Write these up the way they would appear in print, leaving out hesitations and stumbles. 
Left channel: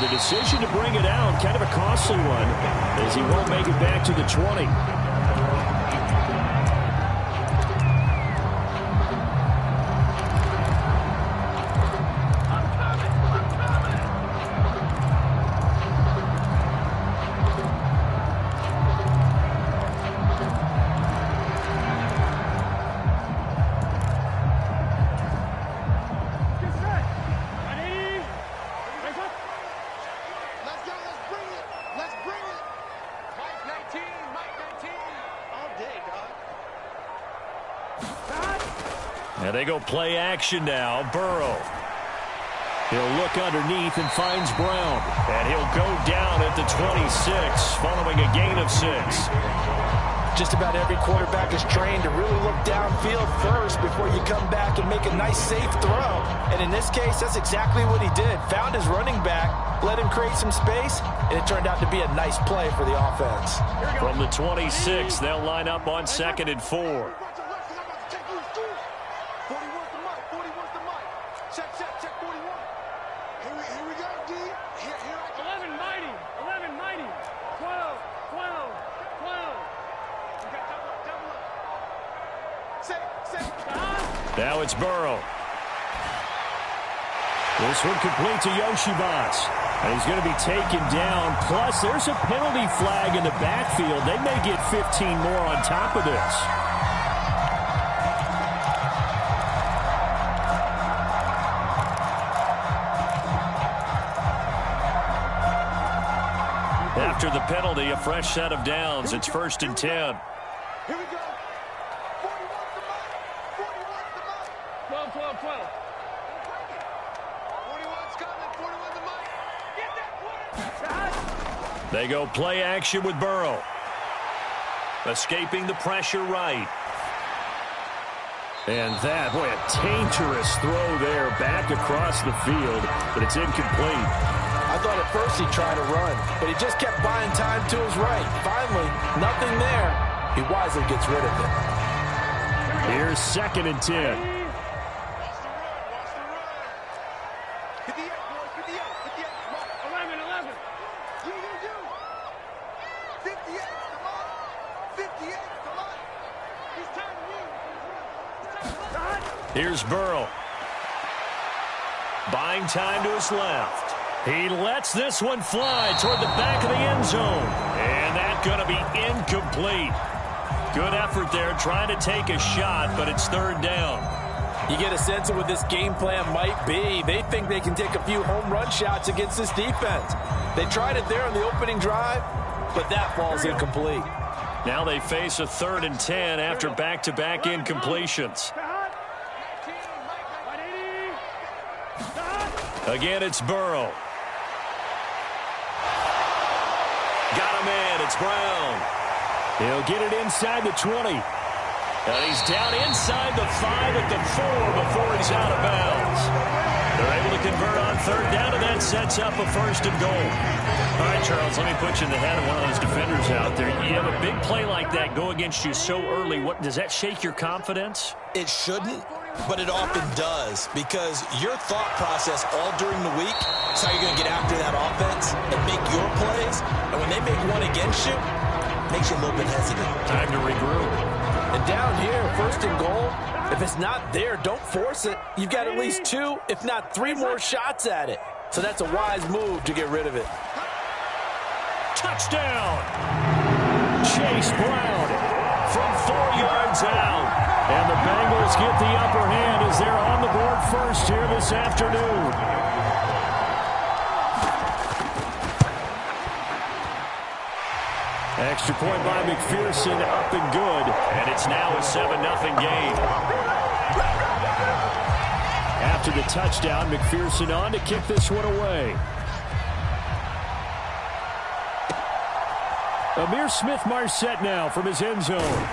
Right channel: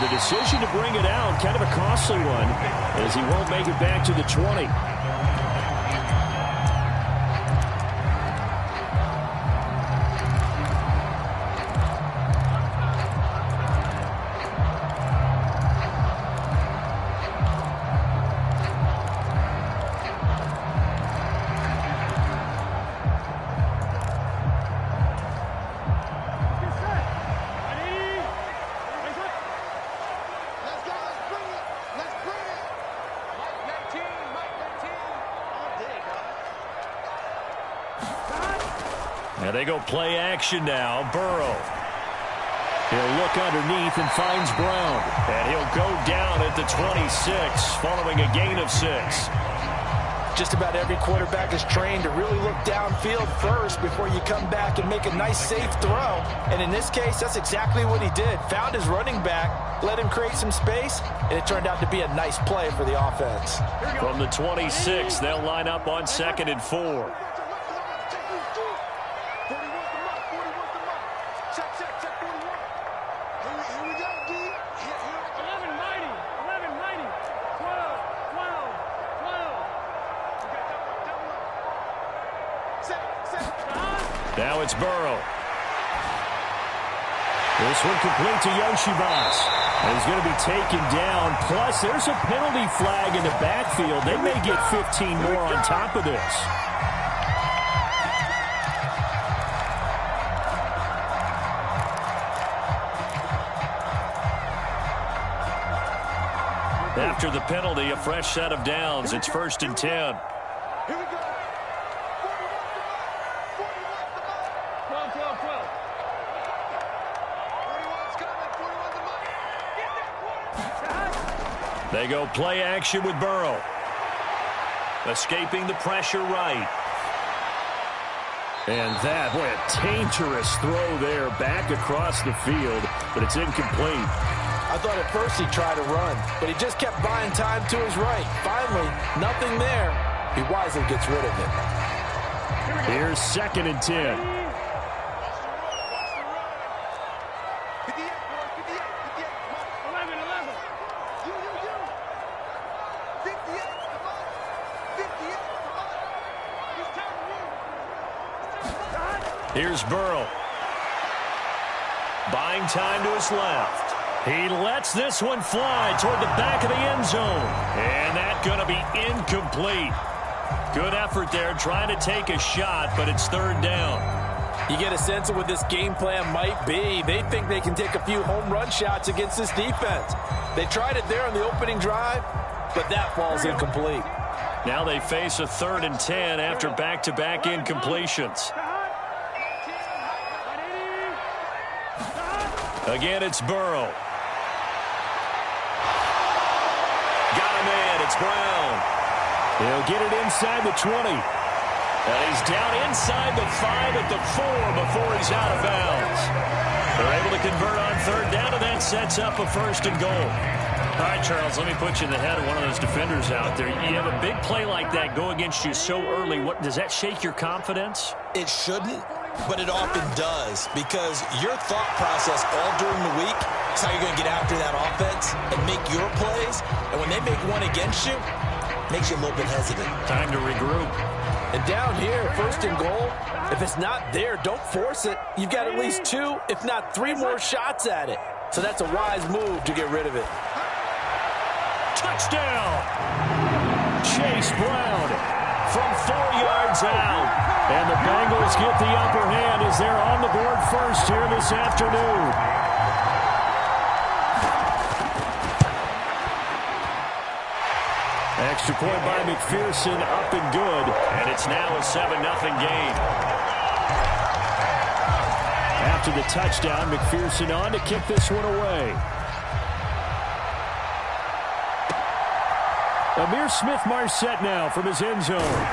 The decision to bring it out, kind of a costly one, as he won't make it back to the 20. And they go play action now. Burrow. He'll look underneath and finds Brown. And he'll go down at the 26 following a gain of 6. Just about every quarterback is trained to really look downfield first before you come back and make a nice, safe throw. And in this case, that's exactly what he did. Found his running back, let him create some space, and it turned out to be a nice play for the offense. From the 26, they'll line up on 2nd and 4. Now it's Burrow. This one complete to Yoshibas. And he's going to be taken down. Plus, there's a penalty flag in the backfield. They may get 15 more on top of this. After the penalty, a fresh set of downs. It's 1st and 10. Here we go. 41's the mark. 41's the mark. 12. 41's coming. 41's the mark. Get that quarter. They go play action with Burrow. Escaping the pressure right. And that, boy, a dangerous throw there back across the field, but it's incomplete. I thought at first he'd try to run, but he just kept buying time to his right. Finally, nothing there. He wisely gets rid of it. Here's 2nd and 10. Watch the run. Watch the run. 58, boys. 58. 58. Mark. 11. You. 58. Come on. 58. Come on. He's turning you. Here's Burrow. Buying time to his left. He lets this one fly toward the back of the end zone. And that's going to be incomplete. Good effort there trying to take a shot, but it's 3rd down. You get a sense of what this game plan might be. They think they can take a few home run shots against this defense. They tried it there on the opening drive, but that falls incomplete. Now they face a 3rd and 10 after back-to-back incompletions. Again, it's Burrow. Got a man. It's Brown. He'll get it inside the 20. And he's down inside the 5 at the 4 before he's out of bounds. They're able to convert on 3rd down, and that sets up a 1st and goal. All right, Charles, let me put you in the head of one of those defenders out there. You have a big play like that go against you so early. What does that shake your confidence? It shouldn't, but it often does, because your thought process all during the week is how you're going to get after that offense and make your plays. And when they make one against you, it makes you a little bit hesitant. Time to regroup. And down here, 1st and goal, if it's not there, don't force it. You've got at least 2, if not 3 more shots at it. So that's a wise move to get rid of it. Touchdown! Chase Brown from 4 yards out. And the Bengals get the upper hand as they're on the board first here this afternoon. Extra point by McPherson, up and good. And it's now a 7-0 game. After the touchdown, McPherson on to kick this one away. Amir Smith-Marset now from his end zone.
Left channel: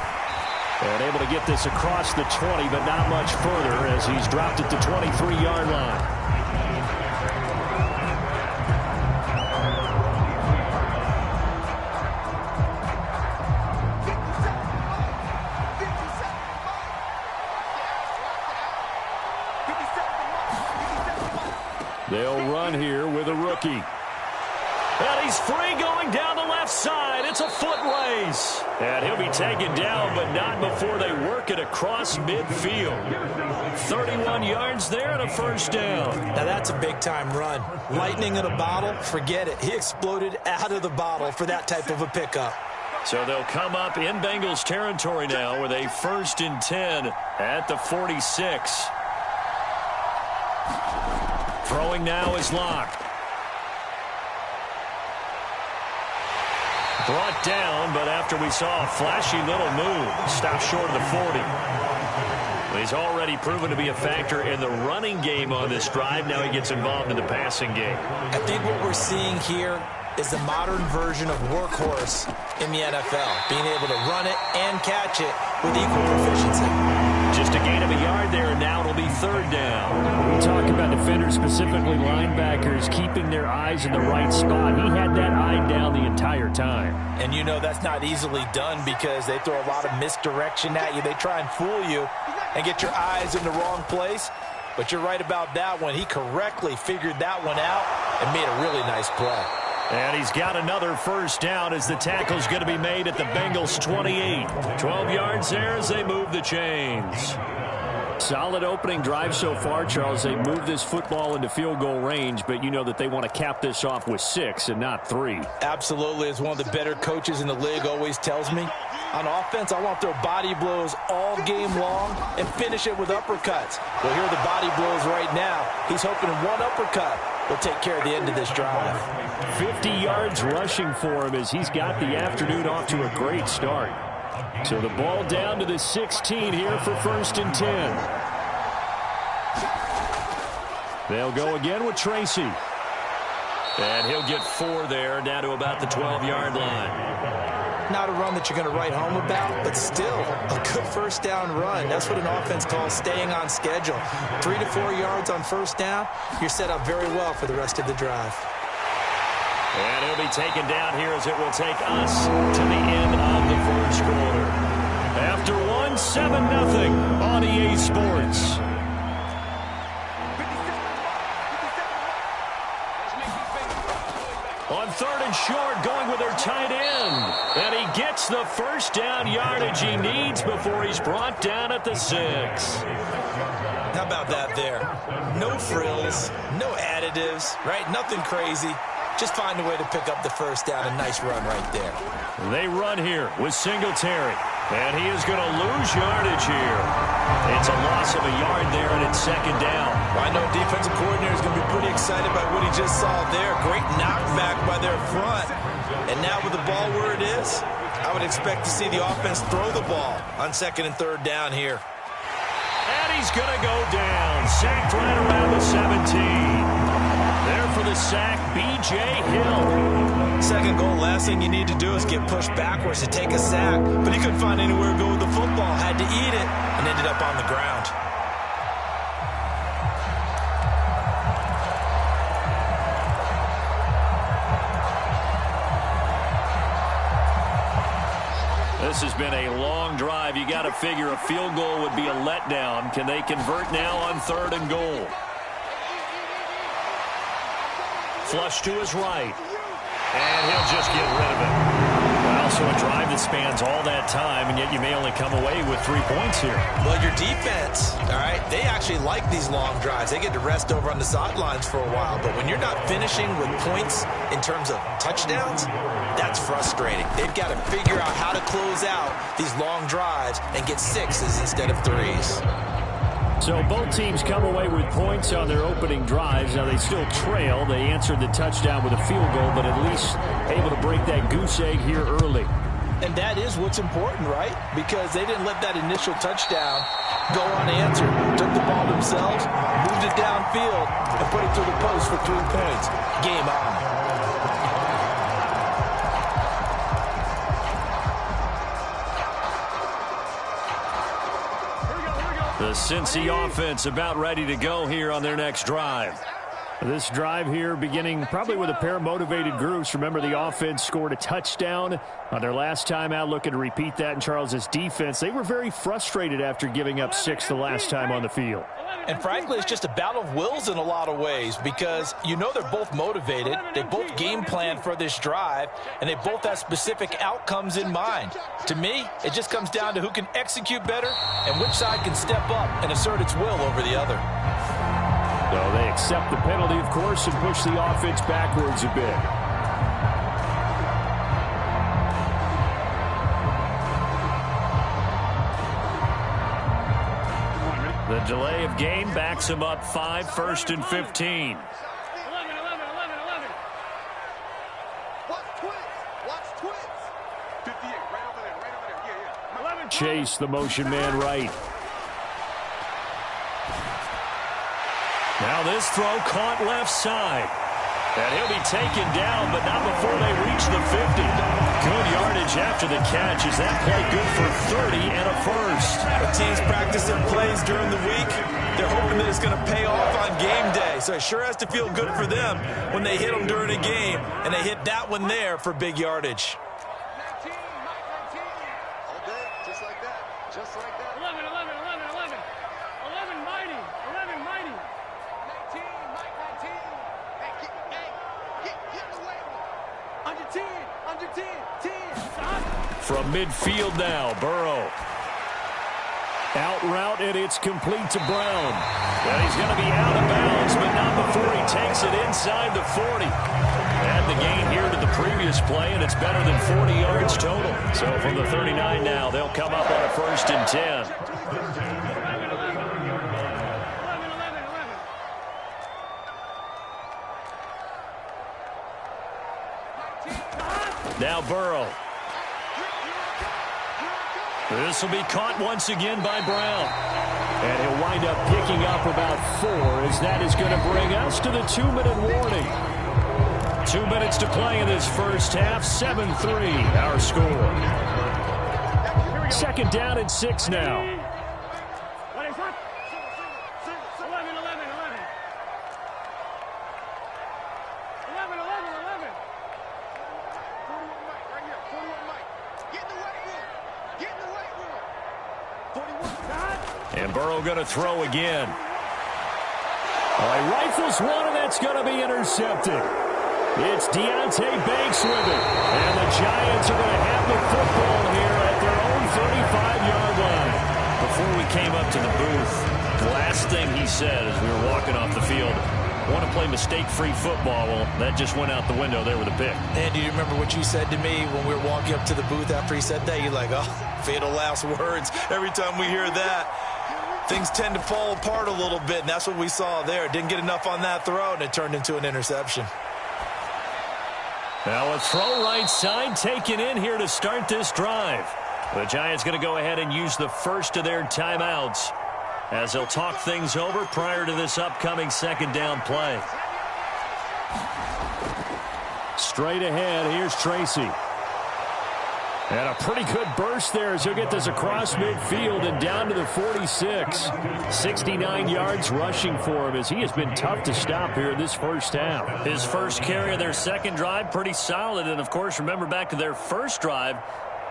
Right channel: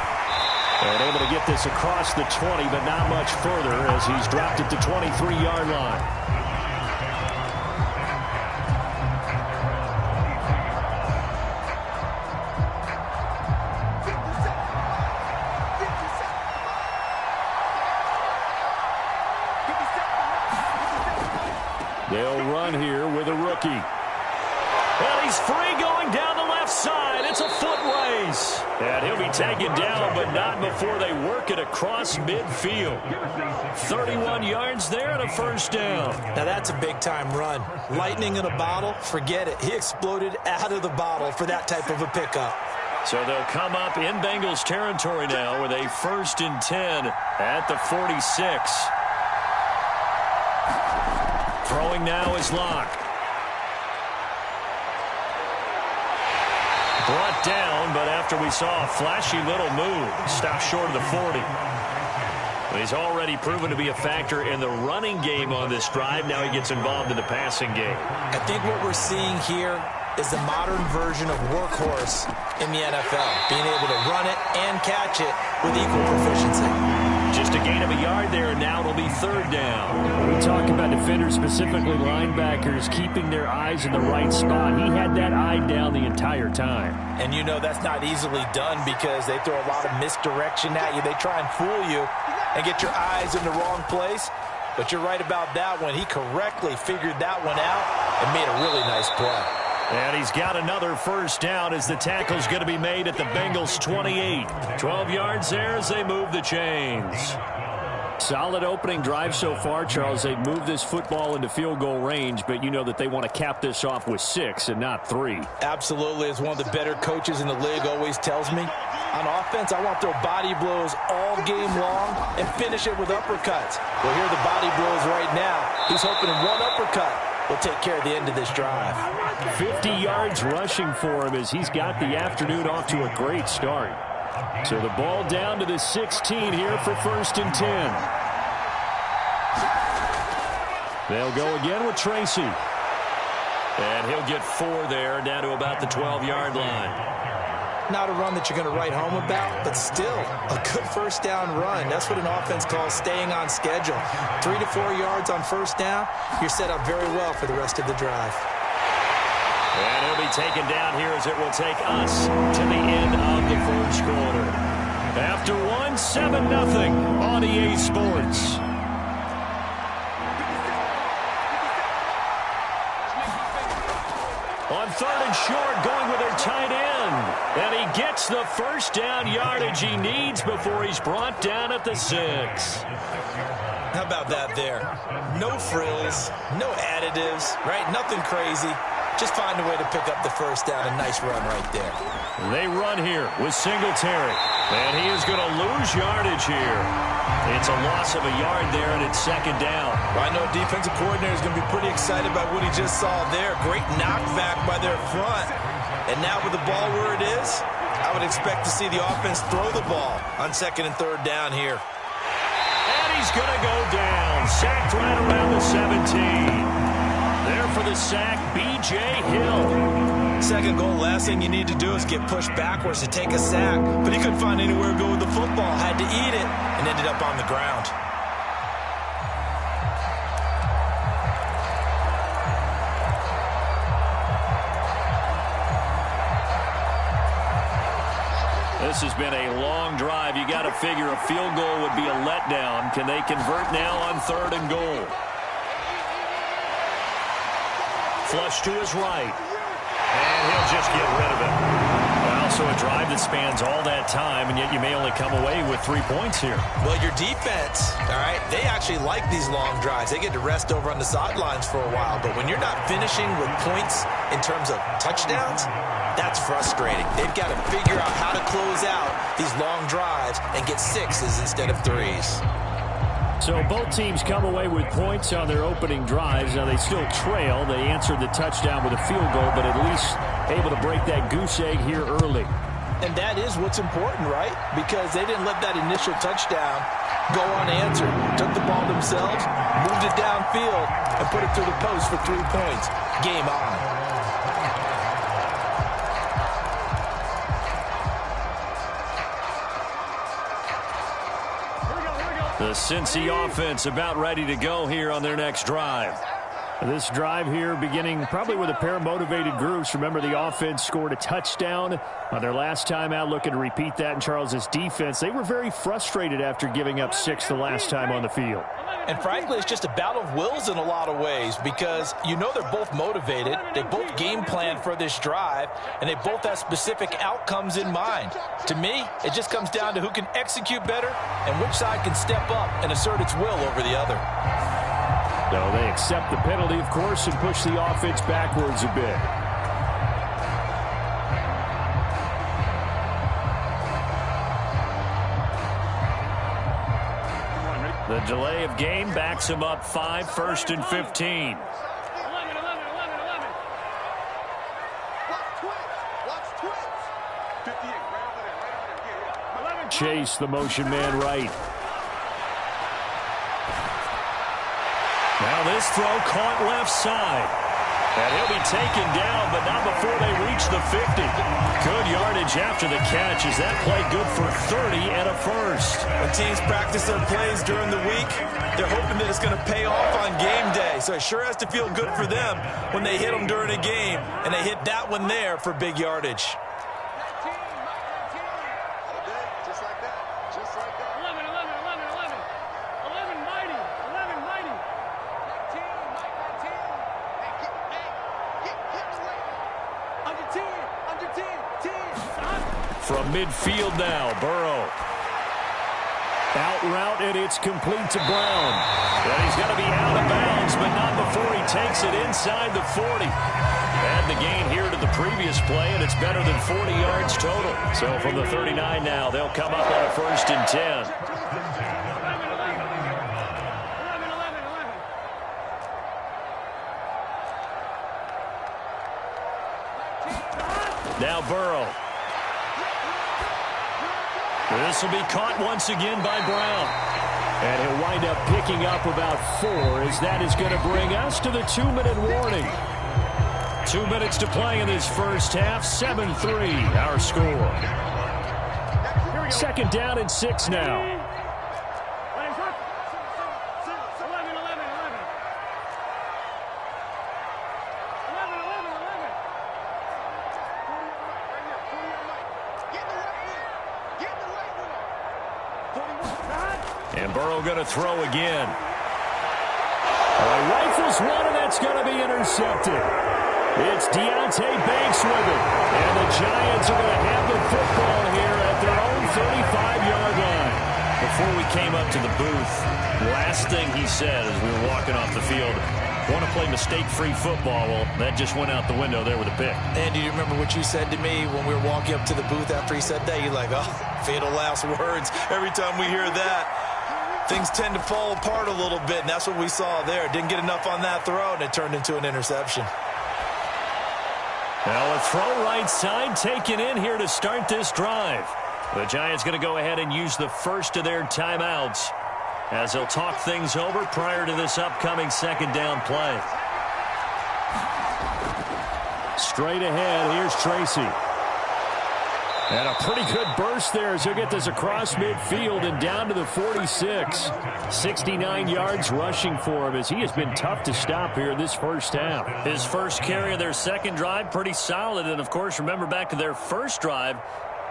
And able to get this across the 20, but not much further as he's dropped at the 23-yard line. They'll run here with a rookie. And he's free going down the left side. It's a foot race. And he'll be taken down, but not before they work it across midfield. 31 yards there and a first down. Now that's a big-time run. Lightning in a bottle, forget it. He exploded out of the bottle for that type of a pickup. So they'll come up in Bengals territory now with a 1st and 10 at the 46. Throwing now is Locke. Brought down, but after we saw a flashy little move, stopped short of the 40. He's already proven to be a factor in the running game on this drive. Now he gets involved in the passing game. I think what we're seeing here is the modern version of workhorse in the NFL, being able to run it and catch it with equal proficiency. Just a gain of a yard there, and now it'll be 3rd down. We talk about defenders, specifically linebackers, keeping their eyes in the right spot. He had that eye down the entire time. And you know that's not easily done because they throw a lot of misdirection at you. They try and fool you and get your eyes in the wrong place. But you're right about that one. He correctly figured that one out and made a really nice play. And he's got another 1st down as the tackle's going to be made at the Bengals 28. 12 yards there as they move the chains. Solid opening drive so far, Charles. They moved this football into field goal range, but you know that they want to cap this off with 6 and not 3. Absolutely. As one of the better coaches in the league always tells me, on offense, I want to throw body blows all game long and finish it with uppercuts. Well, here are the body blows right now. He's hoping in one uppercut will take care of the end of this drive. 50 yards rushing for him as he's got the afternoon off to a great start. So the ball down to the 16 here for 1st and 10. They'll go again with Tracy. And he'll get 4 there, down to about the 12-yard line. Not a run that you're going to write home about, but still a good 1st down run. That's what an offense calls staying on schedule. 3 to 4 yards on 1st down, you're set up very well for the rest of the drive. And he'll be taken down here as it will take us to the end of the 1st quarter. After 7-0 on EA Sports. On 3rd and short, going with their tight end. And he gets the 1st down yardage he needs before he's brought down at the 6. How about that there? No frills, no additives, right? Nothing crazy. Just find a way to pick up the 1st down. A nice run right there. They run here with Singletary. And he is going to lose yardage here. It's a loss of a yard there, and it's 2nd down. Well, I know defensive coordinator is going to be pretty excited by what he just saw there. Great knockback by their front. And now with the ball where it is, I would expect to see the offense throw the ball on 2nd and 3rd down here. And he's going to go down. Sacked right around the 17. There for the sack, B.J. Hill. 2nd goal, last thing you need to do is get pushed backwards to take a sack. But he couldn't find anywhere to go with the football. Had to eat it and ended up on the ground. This has been a long drive. You got to figure a field goal would be a letdown. Can they convert now on 3rd and goal? Flush to his right. And he'll just get rid of it. Well, so a drive that spans all that time, and yet you may only come away with 3 points here. Well, your defense, all right, they actually like these long drives. They get to rest over on the sidelines for a while. But when you're not finishing with points in terms of touchdowns, that's frustrating. They've got to figure out how to close out these long drives and get 6s instead of 3s. So both teams come away with points on their opening drives. Now they still trail. They answered the touchdown with a field goal, but at least able to break that goose egg here early. And that is what's important, right? Because they didn't let that initial touchdown go unanswered. Took the ball themselves, moved it downfield, and put it through the post for 3 points. Game on. The Cincy offense about ready to go here on their next drive. This drive here beginning probably with a pair of motivated groups. Remember, the offense scored a touchdown on their last time out, looking to repeat that in Charles's defense. They were very frustrated after giving up 6 the last time on the field. And frankly, it's just a battle of wills in a lot of ways because you know they're both motivated. They both game plan for this drive, and they both have specific outcomes in mind. To me, it just comes down to who can execute better and which side can step up and assert its will over the other. So they accept the penalty, of course, and push the offense backwards a bit. The delay of game backs him up 5, 1st and 15. 11. Watch twins. Watch twins. 58, right over there. Yeah. 11. Chase, the motion man, right. Now this throw caught left side. And he'll be taken down, but not before they reach the 50. Good yardage after the catch. Is that play good for 30 and a first? When teams practice their plays during the week, they're hoping that it's going to pay off on game day. So it sure has to feel good for them when they hit them during a game, and they hit that one there for big yardage. 19, Mike 19. All day, just like that. Just like that. 11, mighty. 19, Mike 19. Get away. Under 10. 10. Stop. From midfield now, Burrow. Out route, and it's complete to Brown. And he's going to be out of bounds, but not before he takes it inside the 40. Add the gain here to the previous play, and it's better than 40 yards total. So from the 39 now, they'll come up on a 1st and 10. Now Burrow. This will be caught once again by Brown. And he'll wind up picking up about 4, as that is going to bring us to the 2-minute warning. 2 minutes to play in this first half. 7-3, our score. 2nd down and 6 now. 41. And Burrow going to throw again. All right, rifles one, and that's going to be intercepted. It's Deontay Banks with it. And the Giants are going to have the football here at their own 35-yard line. Before we came up to the booth, the last thing he said as we were walking off the field, want to play mistake-free football. Well, that just went out the window there with a pick. And do you remember what you said to me when we were walking up to the booth after he said that? You're like, oh, fatal last words. Every time we hear that, things tend to fall apart a little bit, and that's what we saw there. Didn't get enough on that throw, and it turned into an interception. Now a throw right side taken in here to start this drive. The Giants going to go ahead and use the first of their timeouts as they'll talk things over prior to this upcoming 2nd down play. Straight ahead, here's Tracy. And a pretty good burst there as he'll get this across midfield and down to the 46. 69 yards rushing for him as he has been tough to stop here in this first half. His first carry of their second drive, pretty solid. And, of course, remember back to their first drive,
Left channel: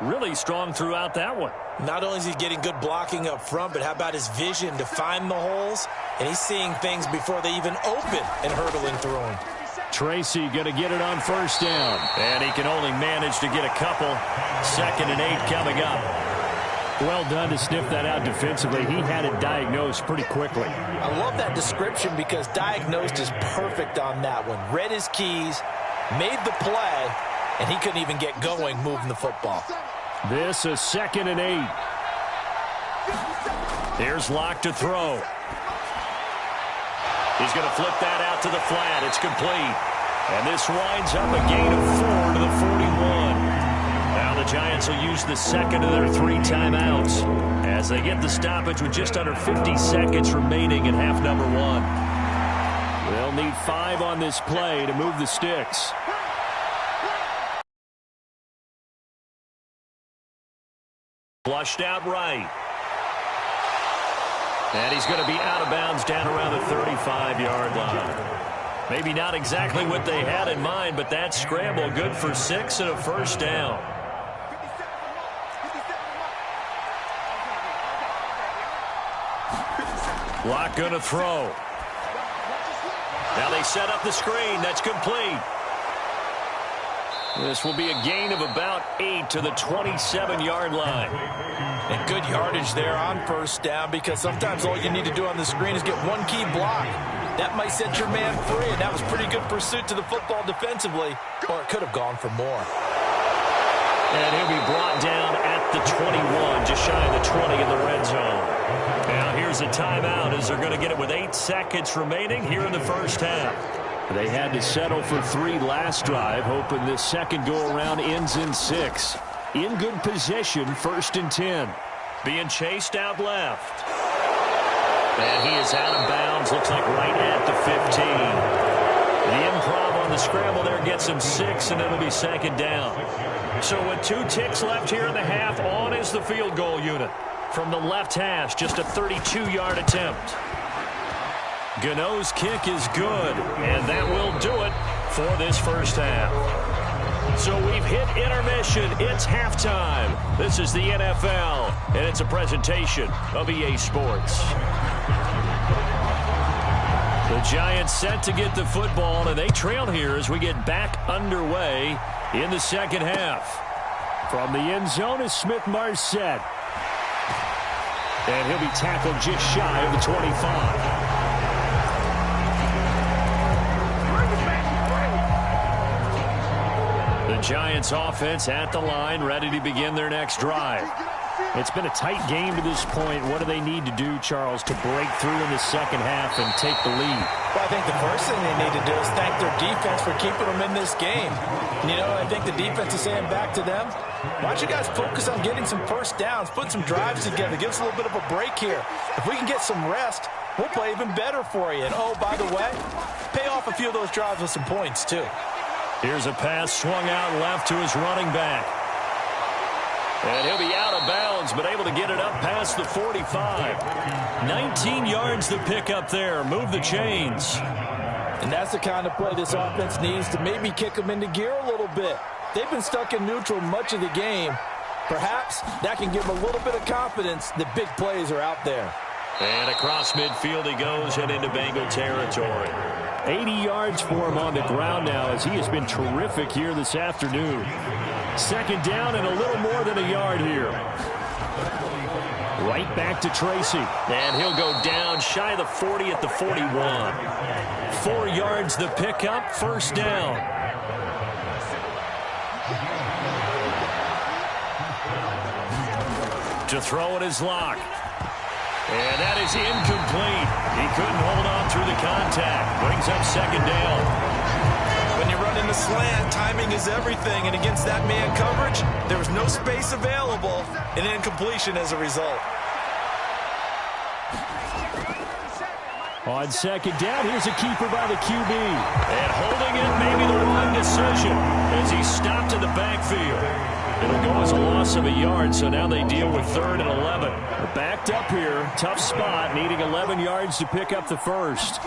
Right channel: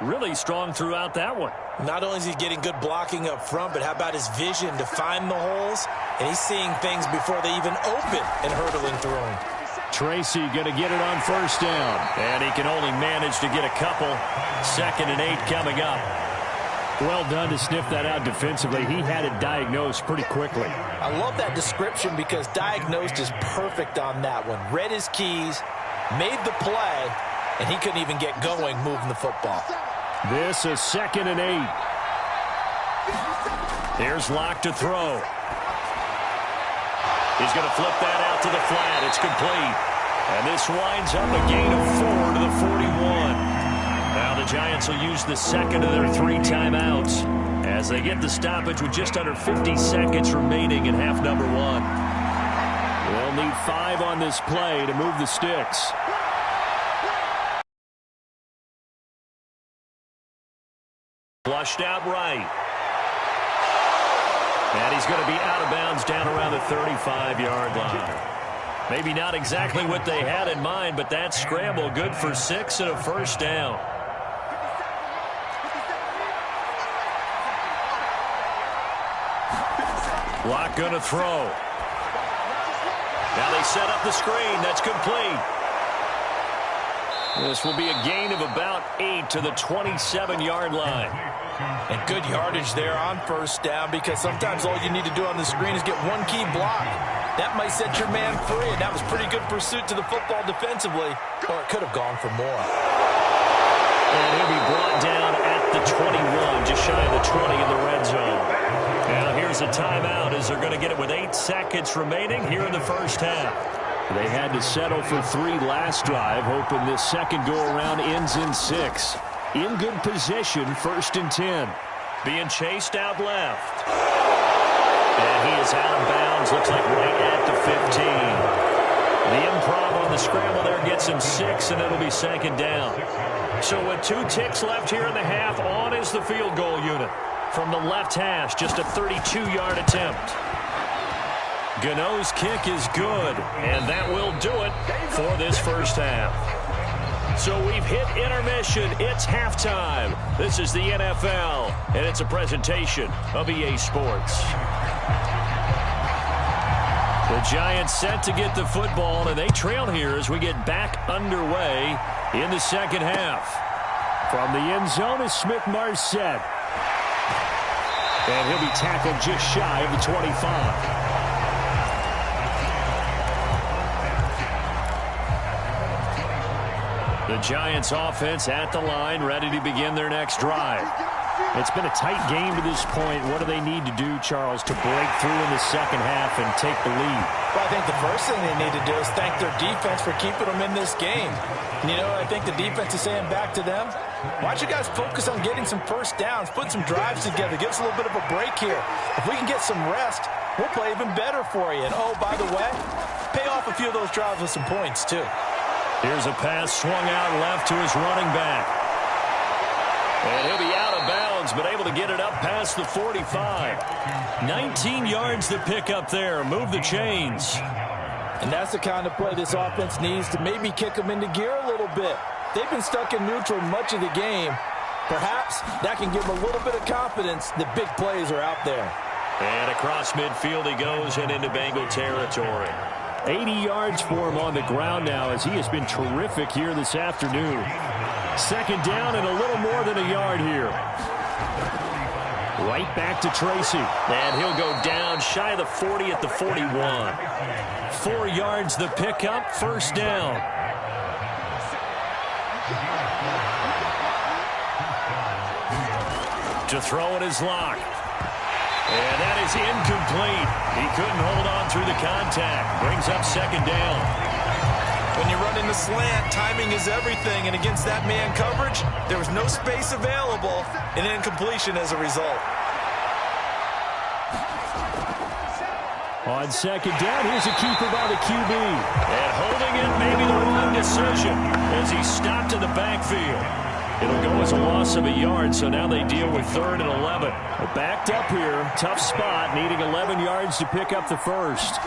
really strong throughout that one. Not only is he getting good blocking up front, but how about his vision to find the holes? And he's seeing things before they even open and hurdling through them. Tracy going to get it on 1st down. And he can only manage to get a couple. 2nd and 8 coming up. Well done to sniff that out defensively. He had it diagnosed pretty quickly. I love that description because diagnosed is perfect on that one. Read his keys, made the play, and he couldn't even get going moving the football. This is 2nd and 8. Here's Locke to throw. He's going to flip that out to the flat. It's complete. And this winds up a gain of 4 to the 41. Now the Giants will use the second of their 3 timeouts as they get the stoppage with just under 50 seconds remaining in half number 1. They'll need 5 on this play to move the sticks. Flushed out right. And he's going to be out of bounds down around the 35-yard line. Maybe not exactly what they had in mind, but that scramble good for 6 and a first down. Lock going to throw. Now they set up the screen. That's complete. This will be a gain of about 8 to the 27-yard line. And good yardage there on first down, because sometimes all you need to do on the screen is get one key block. That might set your man free, and that was pretty good pursuit to the football defensively, or it could have gone for more. And he'll be brought down at the 21, just shy of the 20 in the red zone. Now here's a timeout as they're going to get it with 8 seconds remaining here in the first half. They had to settle for 3 last drive, hoping this second go-around ends in 6. In good position, 1st and 10. Being chased out left. And he is out of bounds, looks like right at the 15. The improv on the scramble there gets him 6, and it'll be 2nd down. So with 2 ticks left here in the half, on is the field goal unit. From the left hash, just a 32-yard attempt. Gano's kick is good, and that will do it for this first half. So we've hit intermission. It's halftime. This is the NFL, and it's a presentation of EA Sports. The Giants set to get the football, and they trail here as we get back underway in the second half. From the end zone is Smith-Marset. And he'll be tackled just shy of the 25. The Giants offense at the line, ready to begin their next drive. It's been a tight game to this point. What do they need to do, Charles, to break through in the second half and take the lead? Well, I think the first thing they need to do is thank their defense for keeping them in this game. And, you know, I think the defense is saying back to them, why don't you guys focus on getting some first downs, put some drives together, give us a little bit of a break here. If we can get some rest, we'll play even better for you. And, oh, by the way, pay off a few of those drives with some points, too. Here's a pass swung out left to his running back. And he'll be out of bounds, but able to get it up past the 45. 19 yards to pick up there. Move the chains. And that's the kind of play this offense needs to maybe kick them into gear a little bit. They've been stuck in neutral much of the game. Perhaps that can give them a little bit of confidence that big plays are out there. And across midfield he goes and into Bengal territory. 80 yards for him on the ground now, as he has been terrific here this afternoon. 2nd down and a little more than a yard here. Right back to Tracy. And he'll go down shy of the 40 at the 41. 4 yards the pickup, 1st down. To throw it is Locke. And that is incomplete. He couldn't hold on through the contact. Brings up 2nd down. When you run in the slant, timing is everything. And against that man coverage, there was no space available. And incompletion as a result. On 2nd down, here's a keeper by the QB. And holding it may be the wrong decision as he stopped in the backfield. It'll go as a loss of a yard, so now they deal with 3rd and 11. Backed up here, tough spot, needing 11 yards to pick up the first.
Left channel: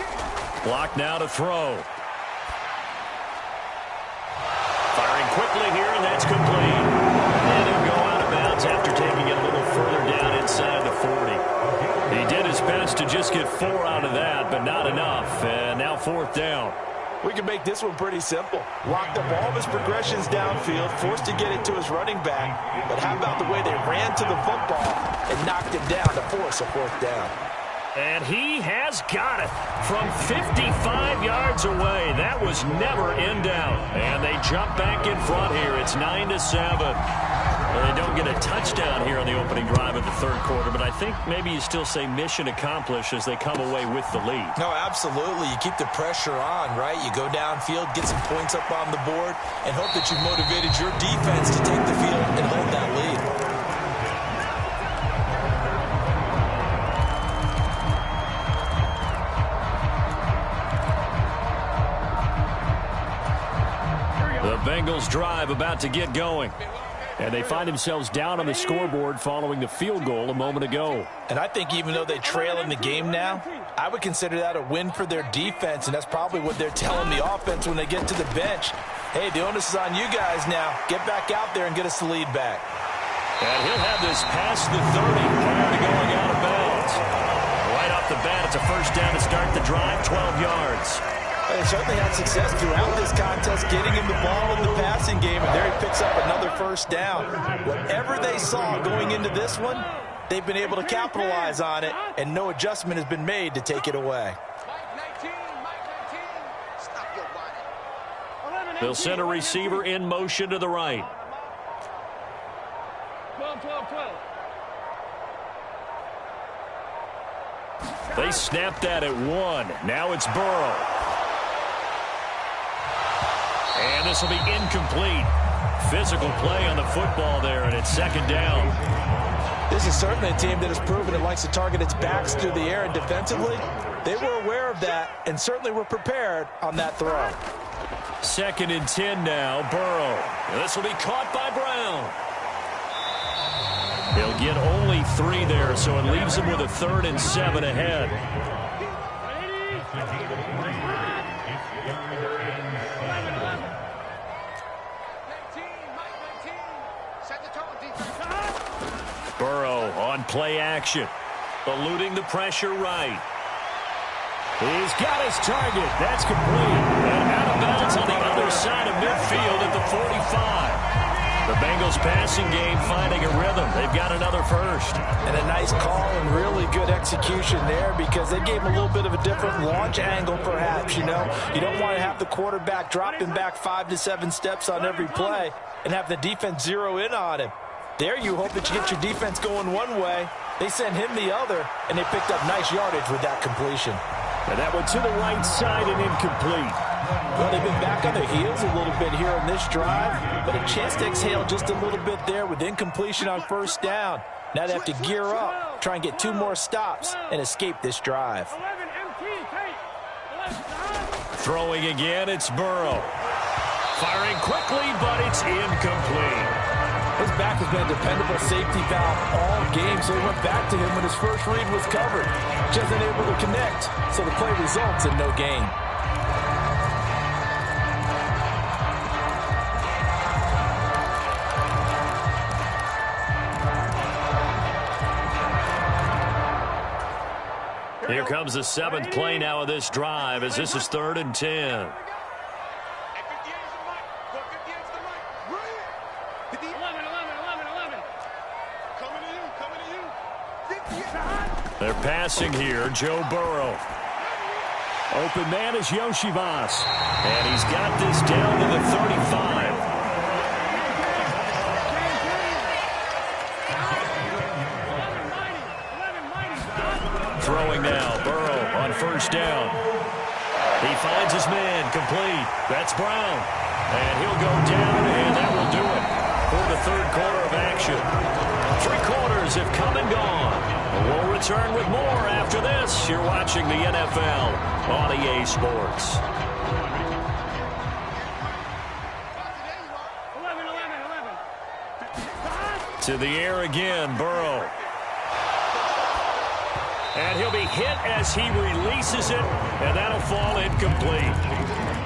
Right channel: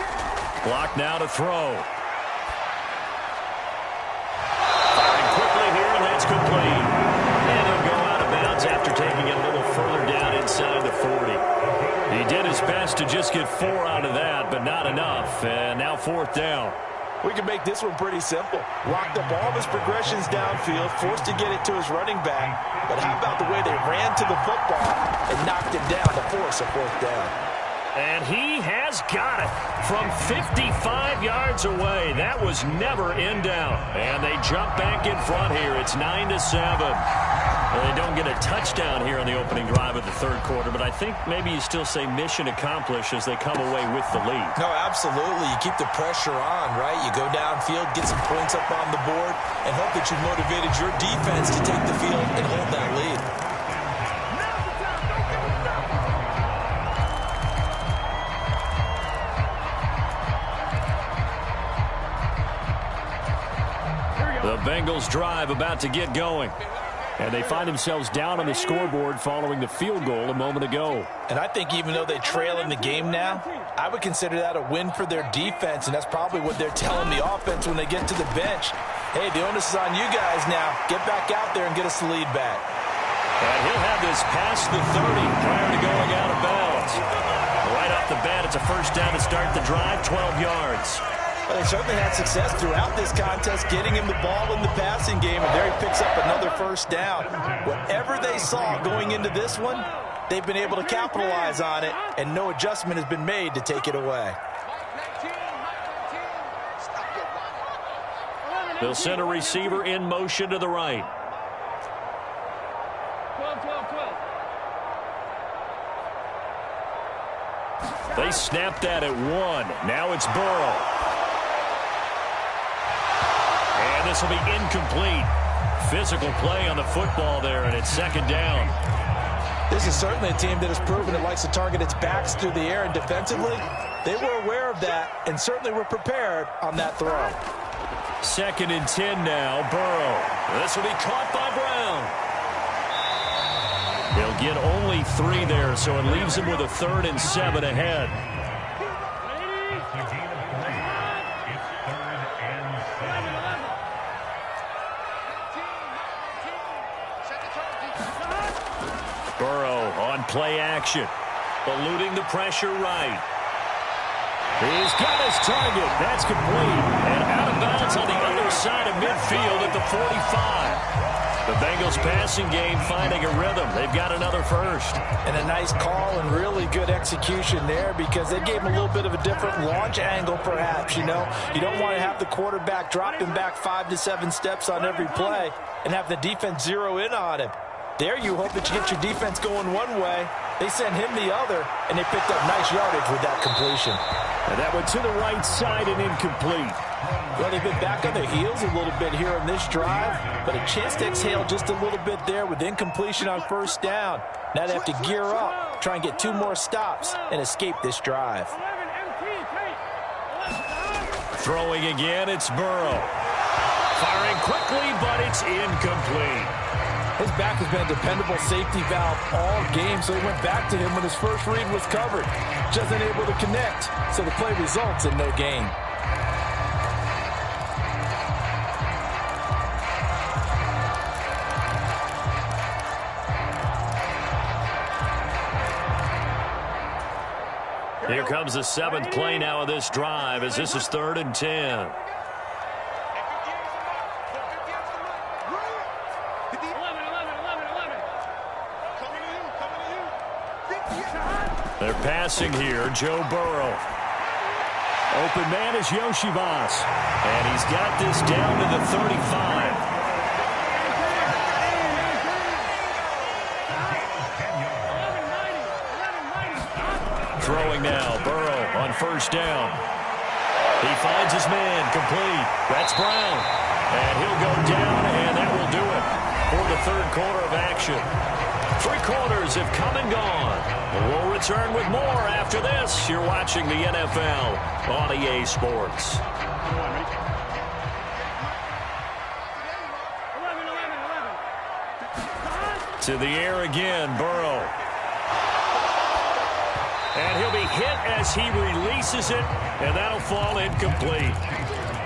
Block now to throw. Firing quickly here, and that's complete. And he'll go out of bounds after taking it a little further down inside the 40. He did his best to just get 4 out of that, but not enough. And now 4th down. We can make this one pretty simple. Locked up all of his progressions downfield, forced to get it to his running back. But how about the way they ran to the football and knocked him down to force a 4th down? And he has got it from 55 yards away. That was never in doubt. And they jump back in front here. It's 9-7. Well, they don't get a touchdown here on the opening drive of the 3rd quarter, but I think maybe you still say mission accomplished as they come away with the lead. No, absolutely. You keep the pressure on, right? You go downfield, get some points up on the board, and hope that you've motivated your defense to take the field and hold that lead. The Bengals drive about to get going. And they find themselves down on the scoreboard following the field goal a moment ago. And I think even though they trail in the game now, I would consider that a win for their defense, and that's probably what they're telling the offense when they get to the bench. Hey, the onus is on you guys now. Get back out there and get us the lead back. And he'll have this past the 30 prior to going out of bounds. Right off the bat, it's a first down to start the drive, 12 yards. Well, they certainly had success throughout this contest getting him the ball in the passing game, and there he picks up another first down. Whatever they saw going into this one, they've been able to capitalize on it, and no adjustment has been made to take it away. They'll send a receiver in motion to the right. 12. They snapped that at 1. Now it's Burrow. And this will be incomplete. Physical play on the football there, and it's second down. This is certainly a team that has proven it likes to target its backs through the air, and defensively, they were aware of that and certainly were prepared on that throw. 2nd and 10 now, Burrow. This will be caught by Brown. He'll get only 3 there, so it leaves him with a 3rd and 7 ahead. Burrow on play action, eluding the pressure right. He's got his target. That's complete. And out of bounds on the other side of midfield at the 45. The Bengals passing game finding a rhythm. They've got another first. And a nice call and really good execution there because they gave him a little bit of a different launch angle perhaps, you know. You don't want to have the quarterback dropping back 5 to 7 steps on every play and have the defense zero in on him. There you hope that you get your defense going one way. They sent him the other, and they picked up nice yardage with that completion. And that went to the right side and incomplete. Well, they've been back on their heels a little bit here in this drive, but a chance to exhale just a little bit there with incompletion on first down. Now they have to gear up, try and get 2 more stops, and escape this drive. Throwing again, it's Burrow. Firing quickly, but it's incomplete. His back has been a dependable safety valve all game, so he went back to him when his first read was covered. Just unable to connect, so the play results in no gain. Here comes the 7th play now of this drive as this is 3rd and 10. They're passing here, Joe Burrow. Open man is Yoshivas. And he's got this down to the 35. Throwing now, Burrow on first down. He finds his man, complete. That's Brown. And he'll go down, and that will do it for the 3rd quarter of action. 3 quarters have come and gone. We'll return with more after this. You're watching the NFL on EA Sports. 11. To the air again, Burrow. And he'll be hit as he releases it, and that'll fall incomplete.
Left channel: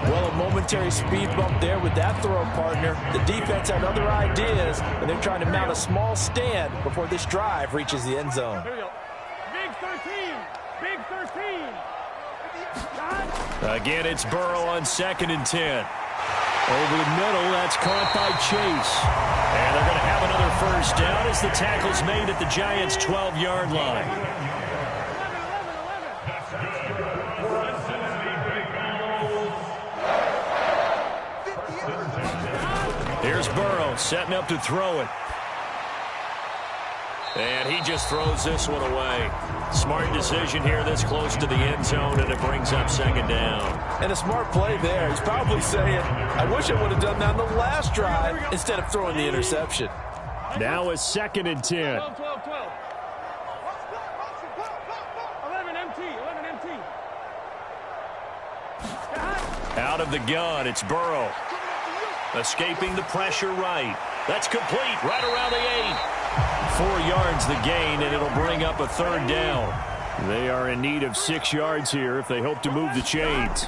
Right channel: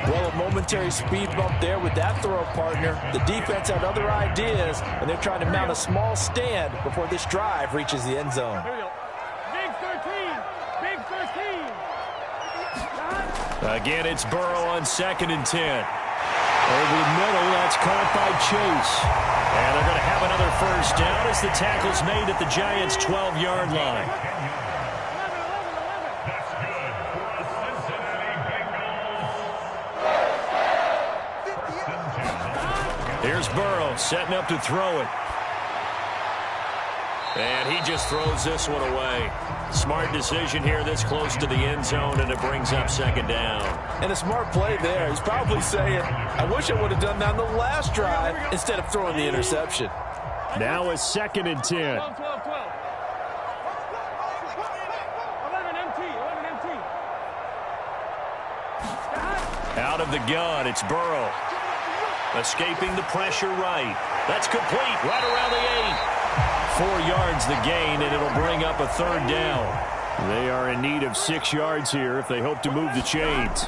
Well, a momentary speed bump there with that throw, partner. The defense had other ideas, and they're trying to mount a small stand before this drive reaches the end zone. Here we go. Big 13. Again, it's Burrow on 2nd and 10. Over the middle, that's caught by Chase. And they're going to have another first down as the tackle's made at the Giants' 12-yard line. 11. Here's Burrow setting up to throw it. And he just throws this one away. Smart decision here this close to the end zone, and it brings up 2nd down. And a smart play there. He's probably saying, I wish I would have done that on the last drive instead of throwing the interception. Now it's 2nd and 10. 12. 11 MT. Out of the gun, it's Burrow. Escaping the pressure right. That's complete right around the 8. 4 yards the gain, and it'll bring up a 3rd down. They are in need of 6 yards here if they hope to move the chains.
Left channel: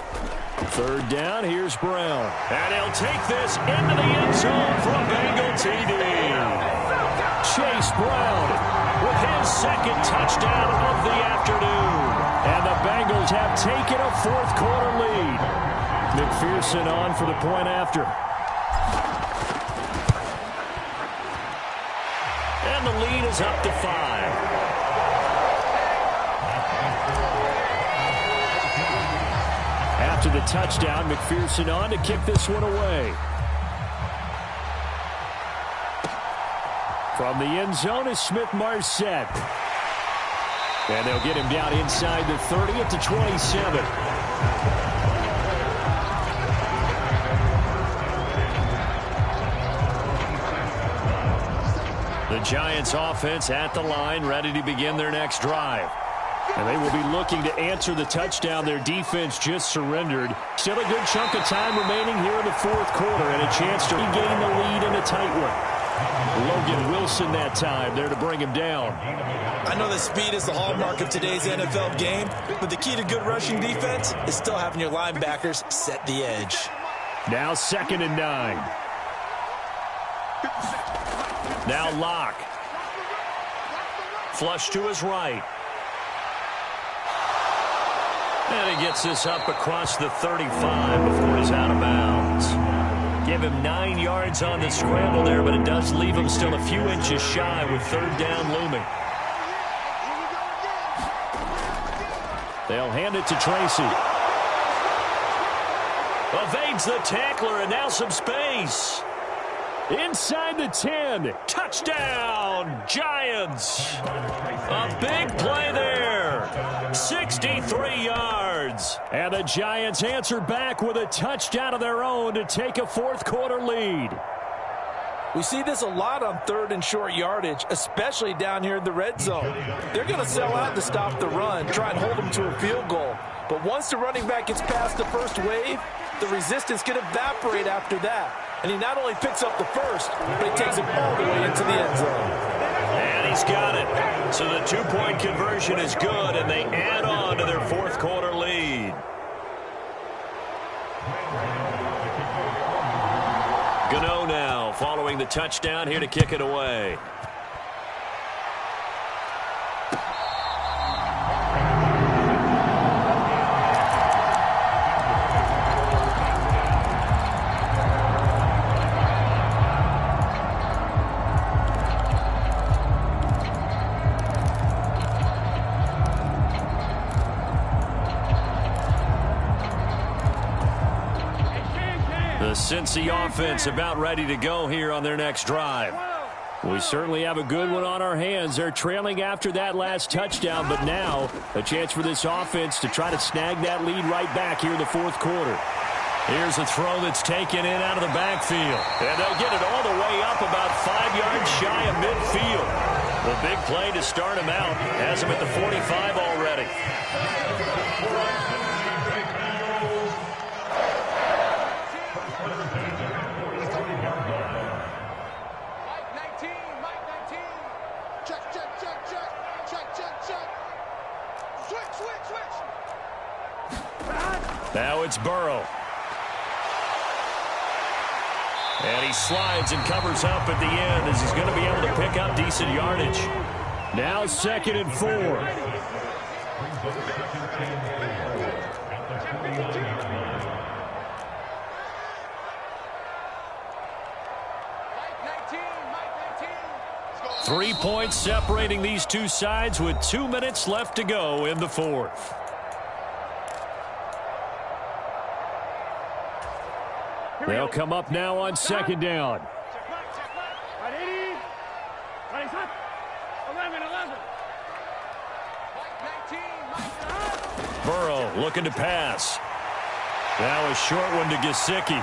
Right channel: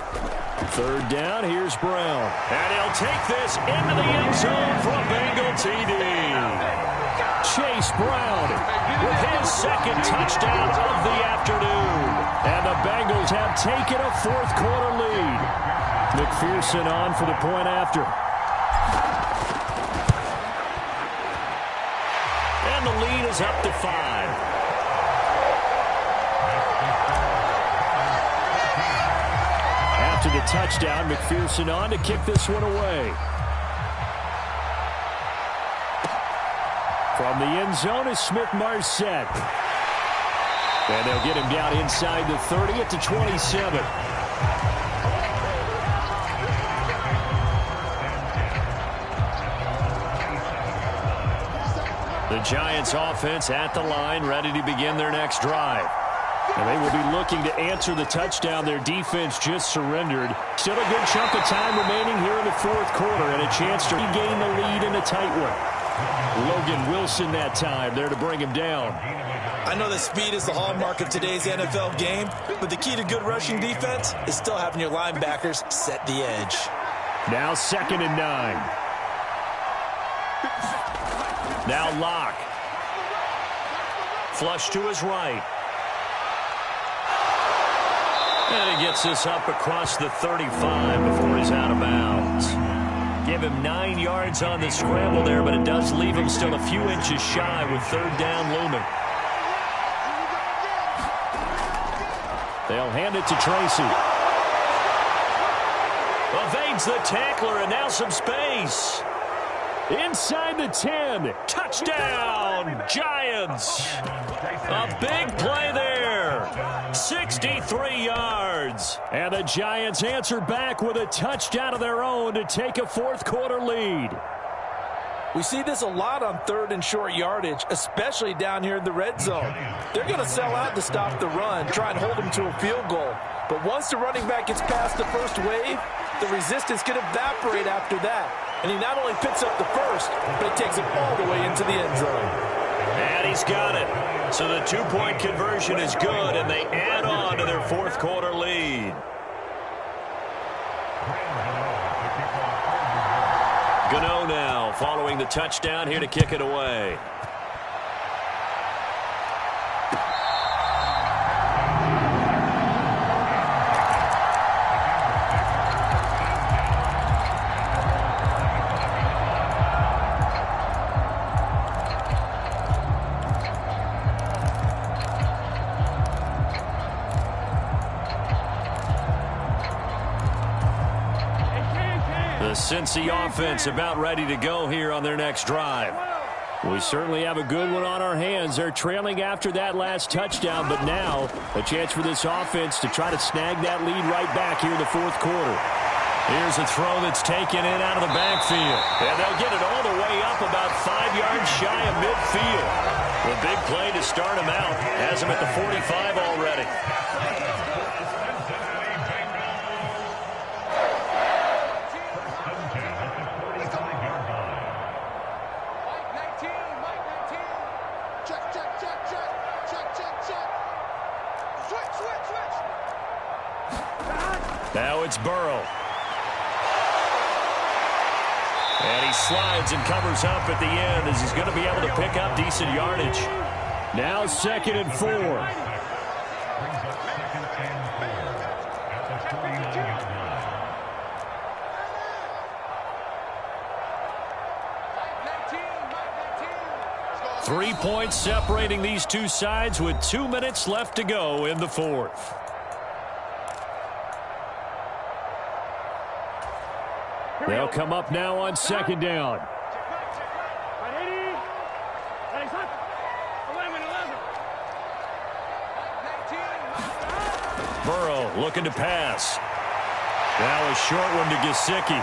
3rd down, here's Brown. And he'll take this into the end zone for a Bengal TD. Chase Brown with his 2nd touchdown of the afternoon. And the Bengals have taken a 4th quarter lead. McPherson on for the point after. And the lead is up to 5. After the touchdown, McPherson on to kick this one away. From the end zone is Smith-Marset. And they'll get him down inside the 30 at the 27. The Giants offense at the line, ready to begin their next drive. And they will be looking to answer the touchdown their defense just surrendered. Still a good chunk of time remaining here in the 4th quarter and a chance to regain the lead in a tight one. Logan Wilson that time there to bring him down. I know that speed is the hallmark of today's NFL game, but the key to good rushing defense is still having your linebackers set the edge. Now 2nd and 9. Now Locke. Flush to his right. And he gets this up across the 35 before he's out of bounds. Give him 9 yards on the scramble there, but it does leave him still a few inches shy with 3rd down looming. They'll hand it to Tracy. Evades the tackler, and now some space. Inside the 10. Touchdown, Giants. A big play there. 63 yards. And the Giants answer back with a touchdown of their own to take a 4th quarter lead. We see this a lot on 3rd and short yardage, especially down here in the red zone. They're going to sell out to stop the run, try and hold them to a field goal. But once the running back gets past the first wave, the resistance can evaporate after that. And he not only picks up the first, but he takes it all the way into the end zone. And he's got it. So the 2-point conversion is good, and they add on to their 4th quarter lead. Gano now following the touchdown here to kick it away. The Cincy offense about ready to go here on their next drive. We certainly have a good one on our hands. They're trailing after that last touchdown, but now a chance for this offense to try to snag that lead right back here in the 4th quarter. Here's a throw that's taken in out of the backfield. And they'll get it all the way up about 5 yards shy of midfield. The big play to start him out has him at the 45 already. Now it's Burrow. And he slides and covers up at the end as he's going to be able to pick up decent yardage. Now 2nd and 4. Three points separating these two sides with 2 minutes left to go in the 4th. They'll come up now on 2nd down. Burrow looking to pass. Now a short one to Gesicki.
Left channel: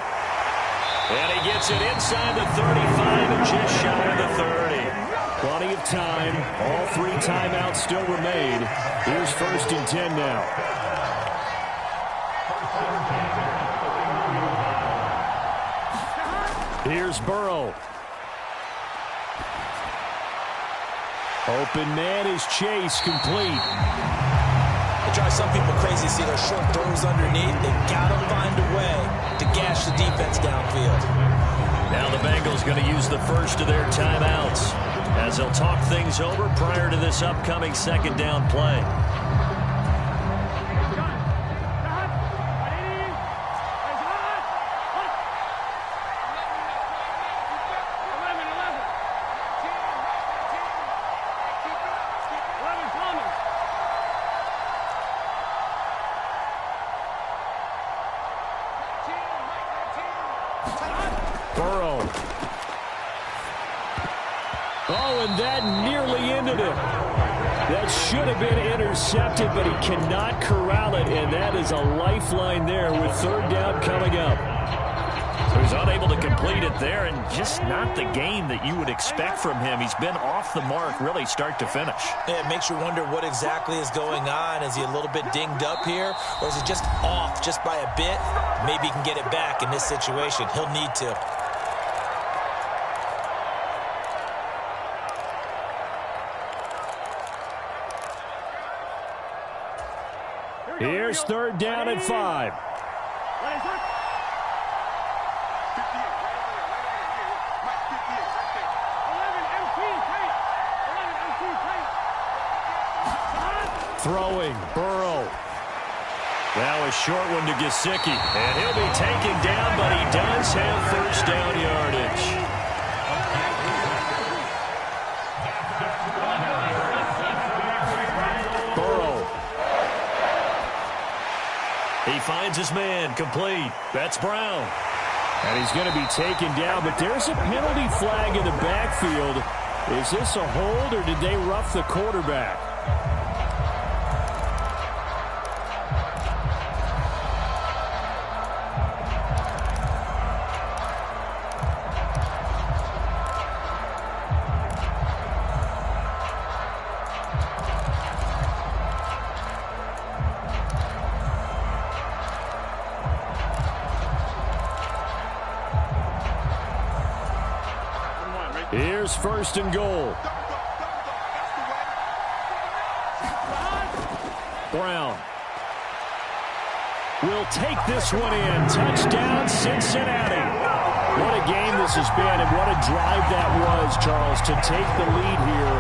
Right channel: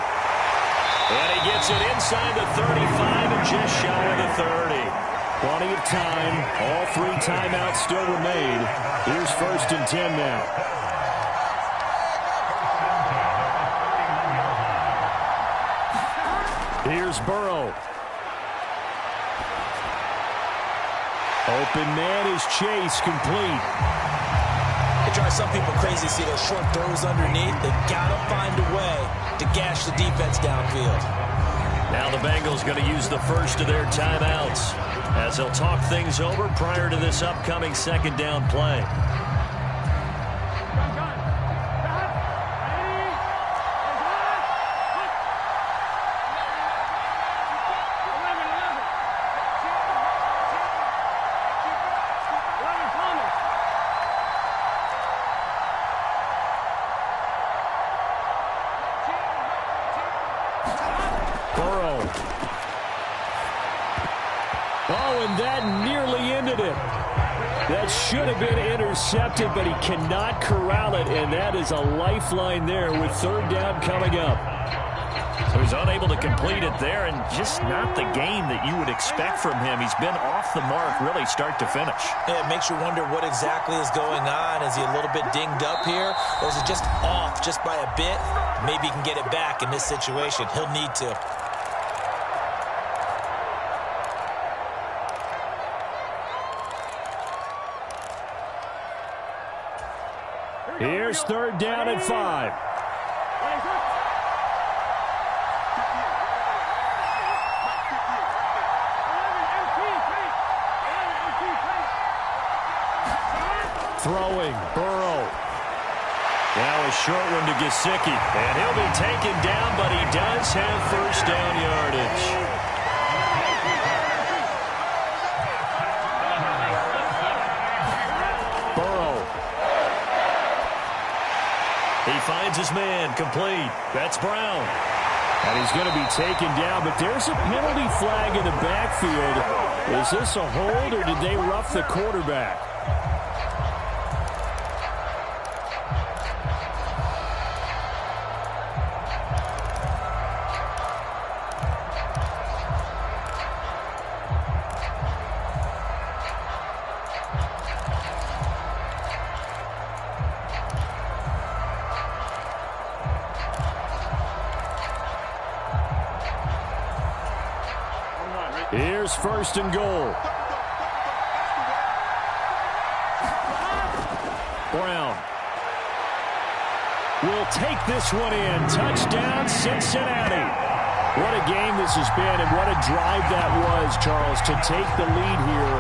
And he gets it inside the 35 and just shy of the 30. Plenty of time. All 3 timeouts still remain. Here's 1st and 10 now. Here's Burrow. Open man is Chase, complete. It drives some people crazy to see those short throws underneath. They've got to find a way to gash the defense downfield. Now the Bengals going to use the first of their timeouts as they'll talk things over prior to this upcoming second down play. Oh, and that nearly ended it. That should have been intercepted, but he cannot corral it, and that is a lifeline there with third down coming up. So he's unable to complete it there, and just not the game that you would expect from him. He's been off the mark really start to finish. Yeah, it makes you wonder what exactly is going on. Is he a little bit dinged up here, or is it just off just by a bit? Maybe he can get it back in this situation. He'll need to. Here's third down and 5. Throwing, Burrow. Now a short one to Gesicki, and he'll be taken down, but he does have first down yardage. He finds his man, complete. That's Brown. And he's going to be taken down, but there's a penalty flag in the backfield. Is this a hold, or did they rough the quarterback? Here's first and goal. Brown will take this one in. Touchdown, Cincinnati. What a game this has been, and what a drive that was, Charles, to take the lead here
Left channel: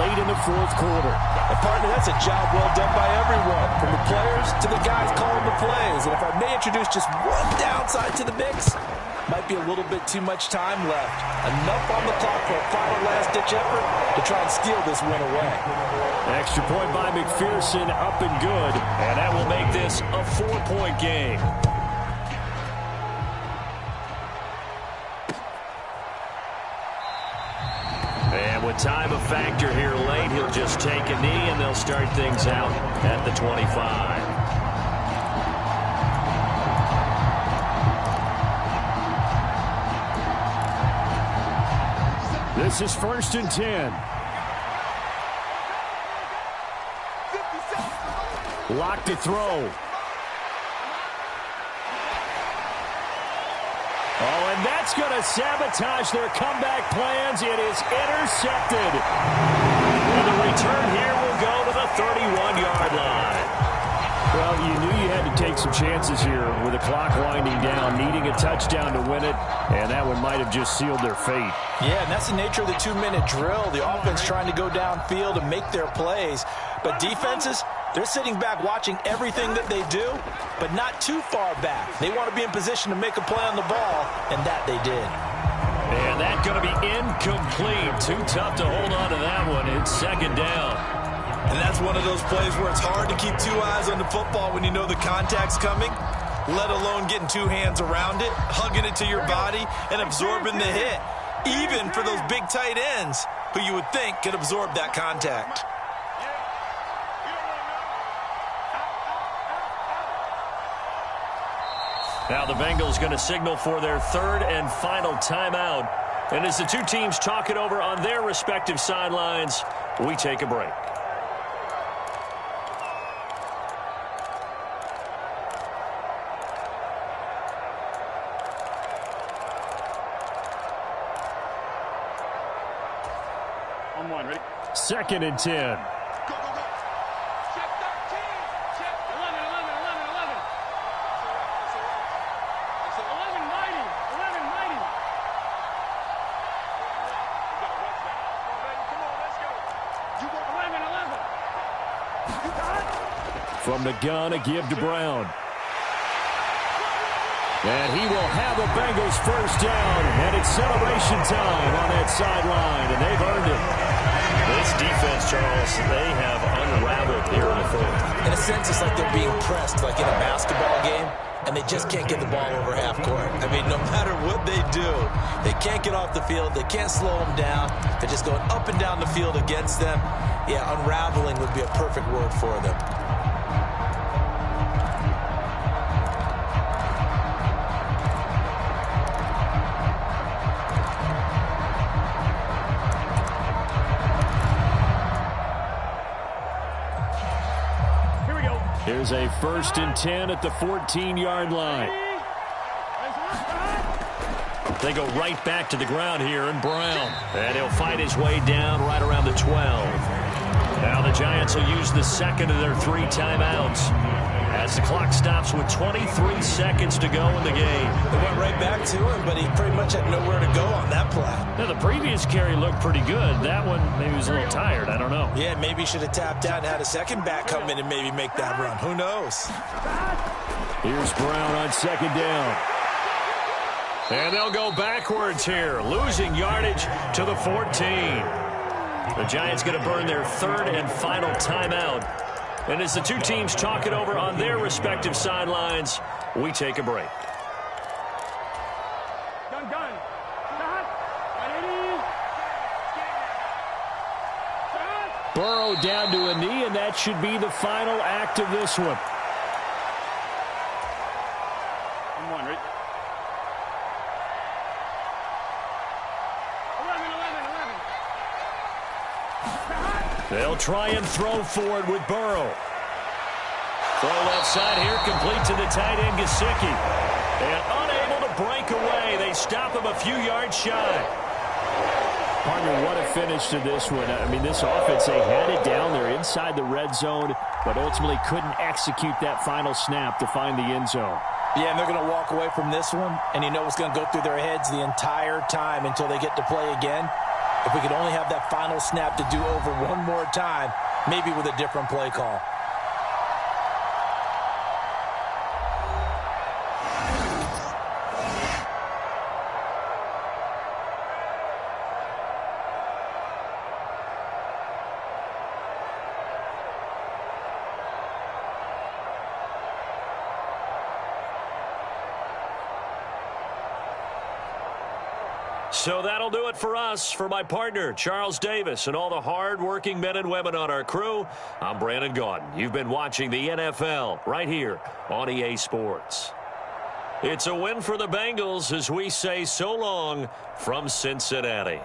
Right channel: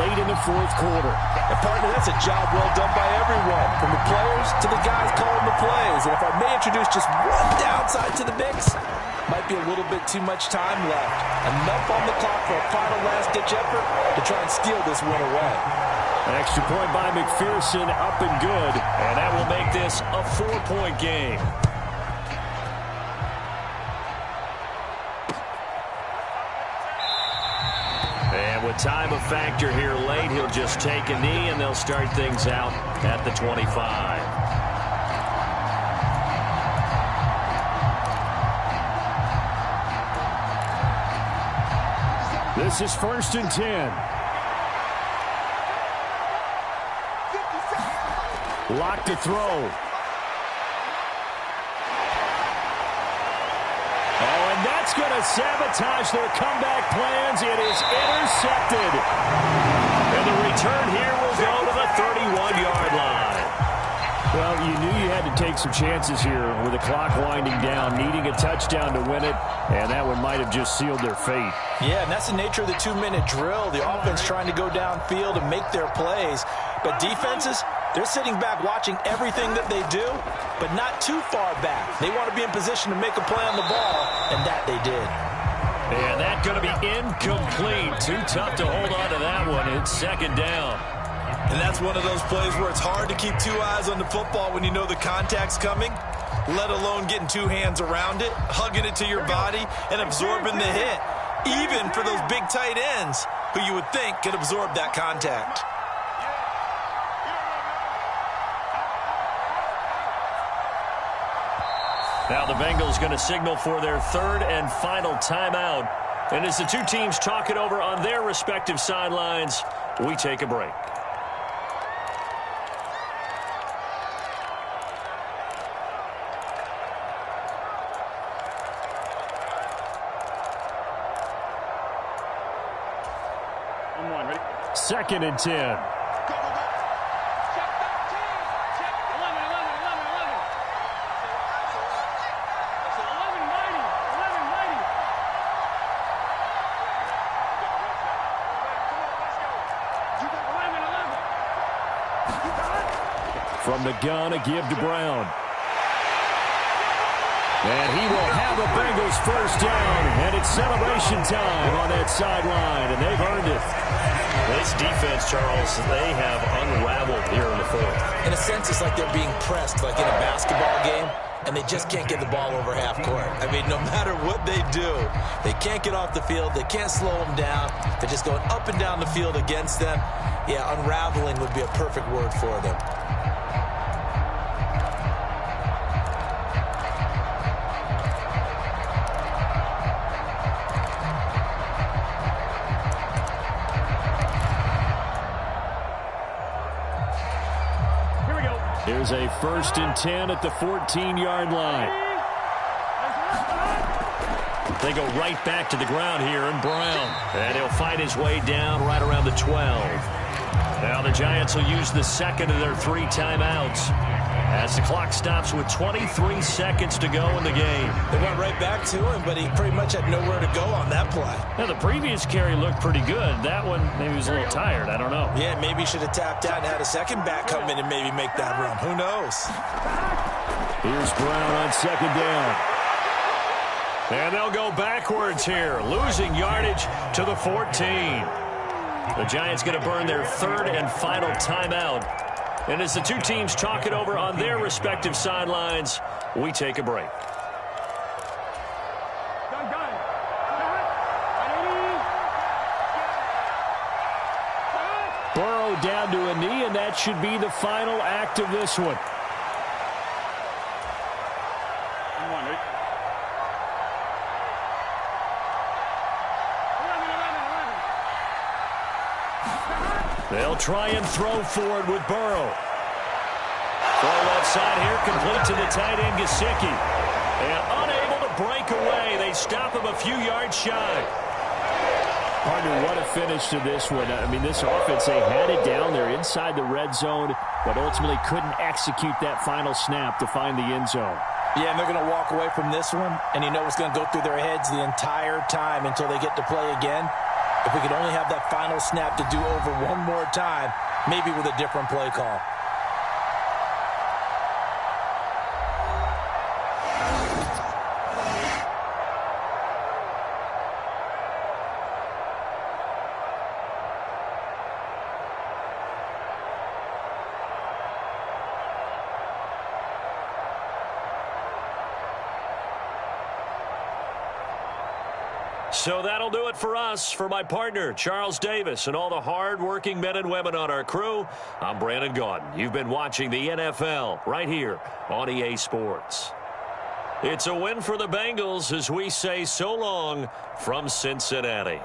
late in the fourth quarter. And, partner, that's a job well done by everyone, from the players to the guys calling the plays. And if I may introduce just one downside to the mix, might be a little bit too much time left. Enough on the clock for a final last-ditch effort to try and steal this win away. Extra point by McPherson, up and good. And that will make this a 4-point game. And with time a factor here late, he'll just take a knee, and they'll start things out at the 25. This is first and 10. Locked to throw. Oh, and that's going to sabotage their comeback plans. It is intercepted. And the return here will go to the 31-yard line. Well, you knew you had to take some chances here with the clock winding down, needing a touchdown to win it, and that one might have just sealed their fate. Yeah, and that's the nature of the 2-minute drill. The offense trying to go downfield and make their plays. But defenses, they're sitting back watching everything that they do, but not too far back. They want to be in position to make a play on the ball, and that they did. And that's going to be incomplete. Too tough to hold on to that one. It's second down. And that's one of those plays where it's hard to keep two eyes on the football when you know the contact's coming, let alone getting two hands around it, hugging it to your body, and absorbing the hit, even for those big tight ends who you would think could absorb that contact. Now the Bengals going to signal for their third and final timeout. And as the two teams talk it over on their respective sidelines, we take a break. On one, ready? 2nd and 10. Go, go, go. Check 13. Check 11, 11, 11, 11. That's it. 11 mighty. 11 mighty. You got to rush that. Come on, baby. Come on, let's go. You go 11, 11. You got it. From the gun, a give to Brown. And he will have a Bengals first down, and it's celebration time on that sideline, and they've earned it. This defense, Charles, they have unraveled here in the fourth. In a sense, it's like they're being pressed, like in a basketball game, and they just can't get the ball over half court. I mean, no matter what they do, they can't get off the field. They can't slow them down. They're just going up and down the field against them. Yeah, unraveling would be a perfect word for them. Here's a 1st and 10 at the 14-yard line. They go right back to the ground here, and Brown. And he'll fight his way down right around the 12. Now the Giants will use the second of their 3 timeouts as the clock stops with 23 seconds to go in the game. They went right back to him, but he pretty much had nowhere to go on that play. Now, the previous carry looked pretty good. That one, maybe he was a little tired. I don't know. Yeah, maybe he should have tapped out and had a second back come in and maybe make that run. Who knows? Here's Brown on 2nd down. And they'll go backwards here, losing yardage to the 14. The Giants going to burn their 3rd and final timeout. And as the two teams talk it over on their respective sidelines, we take a break. Done. Burrow down to a knee, and that should be the final act of this one. I'm one, right? 11. They'll try and throw for it with Burrow. Throw left side here, complete to the tight end, Gesicki. And unable to break away. They stop him a few yards shy. Partner, what a finish to this one. I mean, this offense, they had it down there inside the red zone, but ultimately couldn't execute that final snap to find the end zone. Yeah, and they're going to walk away from this one, and you know what's going to go through their heads the entire time until they get to play again. If we could only have that final snap to do over one more time, maybe with a different play call. So that'll do it for us. For my partner, Charles Davis, and all the hard-working men and women on our crew, I'm Brandon Gaudin. You've been watching the NFL right here on EA Sports. It's a win for the Bengals as we say so long from Cincinnati.